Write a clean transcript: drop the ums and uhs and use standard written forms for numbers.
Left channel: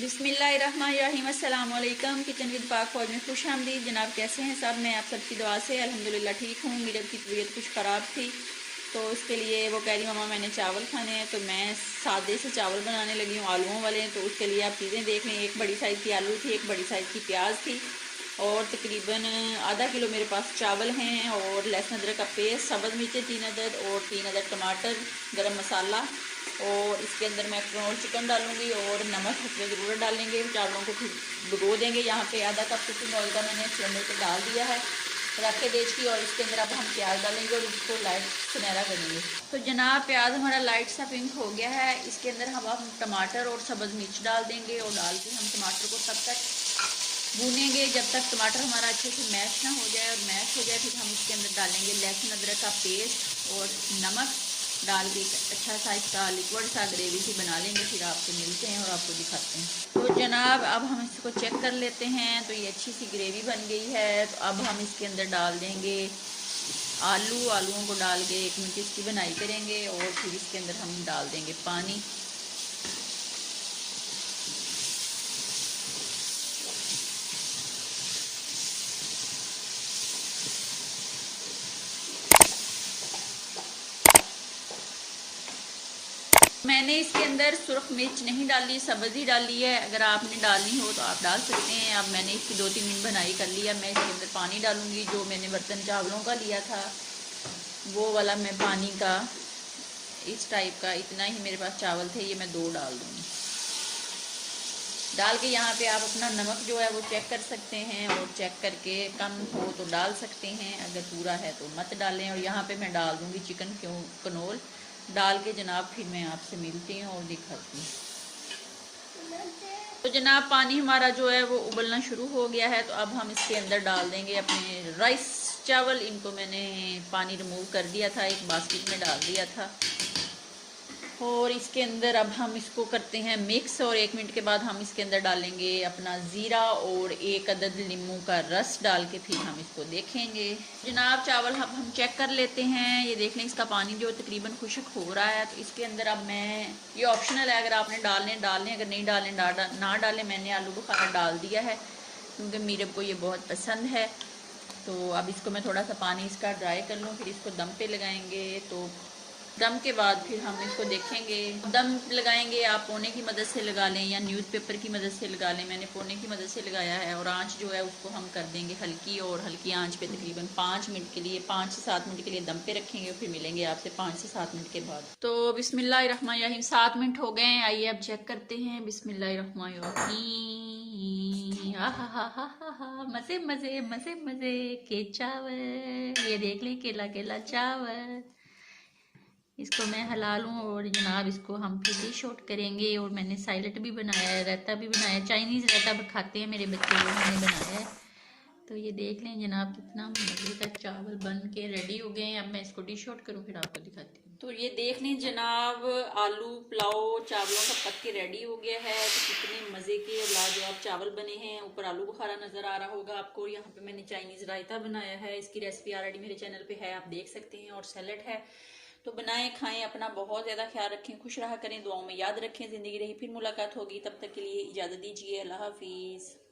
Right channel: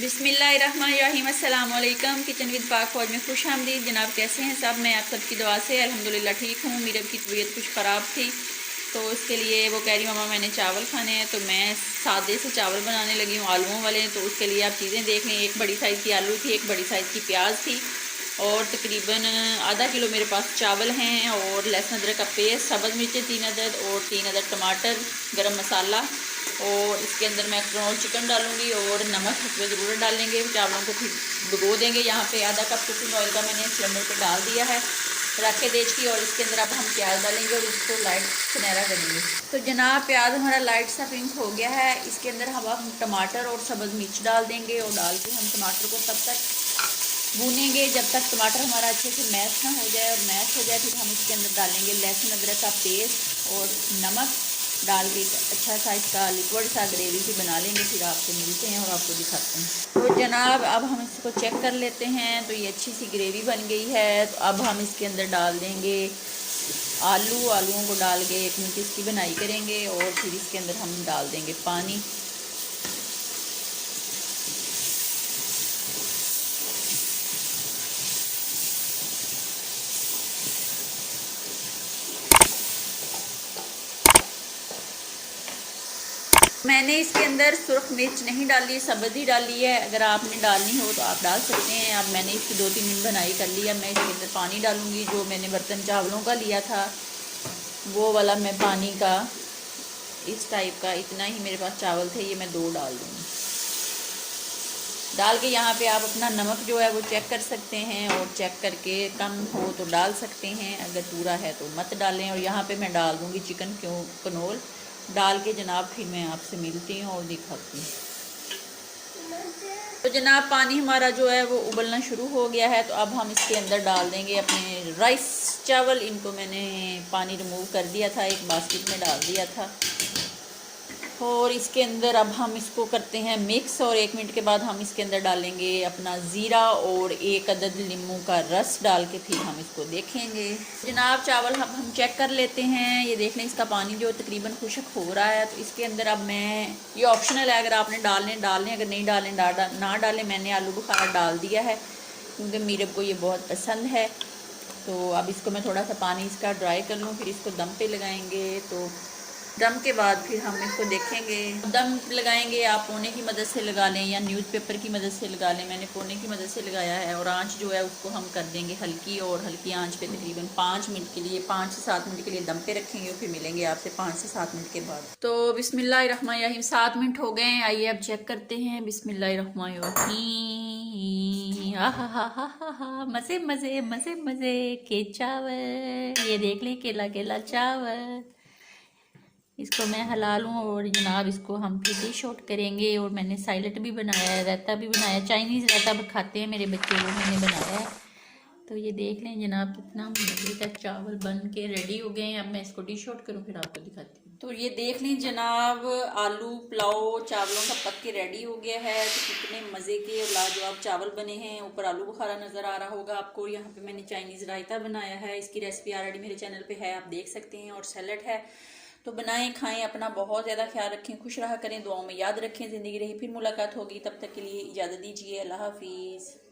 बिस्मिल्लाहिर्रहमानिर्रहीम। अस्सलाम वालेकुम। किचन विद पाक फौज में खुश आमदीद। जनाब कैसे हैं सब? मैं आप सबकी दुआ से अल्हम्दुलिल्लाह ठीक हूँ। मीरब की तबीयत कुछ ख़राब थी तो उसके लिए वो कह रही मम्मा मैंने चावल खाने हैं, तो मैं सादे से चावल बनाने लगी हूँ आलूओं वाले। तो उसके लिए आप चीज़ें देख लें। एक बड़ी साइज़ की आलू थी, एक बड़ी साइज़ की प्याज थी और तकरीबन आधा किलो मेरे पास चावल हैं और लहसुन अदरक का पेस्ट, सब्ज़ मिर्चें 3 अदद और 3 अदद टमाटर, गरम मसाला और इसके अंदर मैं चिकन डालूंगी और नमक इसमें ज़रूर डालेंगे। चावलों को फिर भिगो देंगे। यहाँ पे आधा कप कुकिंग ऑयल का मैंने सिलेंडर पे डाल दिया है रखे देख की, और इसके अंदर अब हम प्याज डालेंगे और इसको लाइट सुनहरा करेंगे। तो जनाब प्याज हमारा लाइट सा पिंक हो गया है। इसके अंदर हम टमाटर और सब्ज़ मिर्च डाल देंगे और डाल के हम टमाटर को तब तक भूनेंगे जब तक टमाटर हमारा अच्छे से मैश ना हो जाए। और मैश हो जाए फिर हम इसके अंदर डालेंगे लहसुन अदरक का पेस्ट और नमक डाल के अच्छा सा इसका लिक्विड सा ग्रेवी सी बना लेंगे। फिर आपसे मिलते हैं और आपको दिखाते हैं। तो जनाब अब हम इसको चेक कर लेते हैं। तो ये अच्छी सी ग्रेवी बन गई है। तो अब हम इसके अंदर डाल देंगे आलूओं को डाल के 1 मिनट इसकी बनाई करेंगे और फिर इसके अंदर हम डाल देंगे पानी। मैंने इसके अंदर सुरख मिर्च नहीं डाली, सब्ज़ ही डाली है। अगर आपने डालनी हो तो आप डाल सकते हैं। अब मैंने इसकी 2-3 मिनट बनाई कर लिया। मैं इसके अंदर पानी डालूंगी। जो मैंने बर्तन चावलों का लिया था वो वाला मैं पानी का इस टाइप का, इतना ही मेरे पास चावल थे, ये मैं 2 डाल दूँगी। डाल के यहाँ पे आप अपना नमक जो है वो चेक कर सकते हैं और चेक करके कम हो तो डाल सकते हैं, अगर पूरा है तो मत डालें। और यहाँ पे मैं डाल दूँगी चिकन कनोल डाल के जनाब फिर मैं आपसे मिलती हूँ और दिखाती हूँ। तो जनाब पानी हमारा जो है वो उबलना शुरू हो गया है। तो अब हम इसके अंदर डाल देंगे अपने राइस चावल। इनको मैंने पानी रिमूव कर दिया था, एक बास्केट में डाल दिया था। और इसके अंदर अब हम इसको करते हैं मिक्स और 1 मिनट के बाद हम इसके अंदर डालेंगे अपना ज़ीरा और 1 अदद नींबू का रस डाल के फिर हम इसको देखेंगे। जनाब चावल हम चेक कर लेते हैं। ये देख लें इसका पानी जो तकरीबन खुश्क हो रहा है। तो इसके अंदर अब मैं, ये ऑप्शनल है, अगर आपने डालने अगर नहीं डालें ना डालें। मैंने आलू बुखारा डाल दिया है क्योंकि मीरब को ये बहुत पसंद है। तो अब इसको मैं थोड़ा सा पानी इसका ड्राई कर लूँ, फिर इसको दम पे लगाएंगे। तो दम के बाद फिर हम इसको देखेंगे। दम लगाएंगे आप पोने की मदद से लगा लें या न्यूज़पेपर की मदद से लगा लें। मैंने पोने की मदद से लगाया है। और आंच जो है उसको हम कर देंगे हल्की, और हल्की आंच पे तकरीबन 5 मिनट के लिए, 5 से 7 मिनट के लिए दम पे रखेंगे। फिर मिलेंगे आपसे 5 से 7 मिनट के बाद। तो बिस्मिल्लाहिर्रहमानिर्रहीम 7 मिनट हो गए हैं। आइए अब चेक करते हैं। बिस्मिल्लाहिर्रहमानिर्रहीम। हा मज़े मज़े मज़े मज़े के चावल। ये देख लें केला केला चावल। इसको मैं हला लूँ और जनाब इसको हम फिर डिश आउट करेंगे। और मैंने साइलेट भी बनाया है, रायता भी बनाया, चाइनीज़ रायता खाते हैं मेरे बच्चे, वो मैंने बनाया है। तो ये देख लें जनाब कितना मज़े का चावल बन के रेडी हो गए हैं। अब मैं इसको डिश आउट करूँ फिर आपको दिखाती हूँ। तो ये देख लें जनाब आलू पुलाव चावलों का पक के रेडी हो गया है। कितने मज़े के लाजवाब चावल बने हैं। ऊपर आलू बुखारा नज़र आ रहा होगा आपको। यहाँ पे मैंने चाइनीज़ रायता बनाया है, इसकी रेसिपी ऑलरेडी मेरे चैनल पे है, आप देख सकते हैं। और सैलड है। तो बनाएं खाएं, अपना बहुत ज़्यादा ख्याल रखें, खुश रहा करें, दुआओं में याद रखें। ज़िंदगी रही फिर मुलाकात होगी, तब तक के लिए इजाज़त दीजिए। अल्लाह हाफिज़।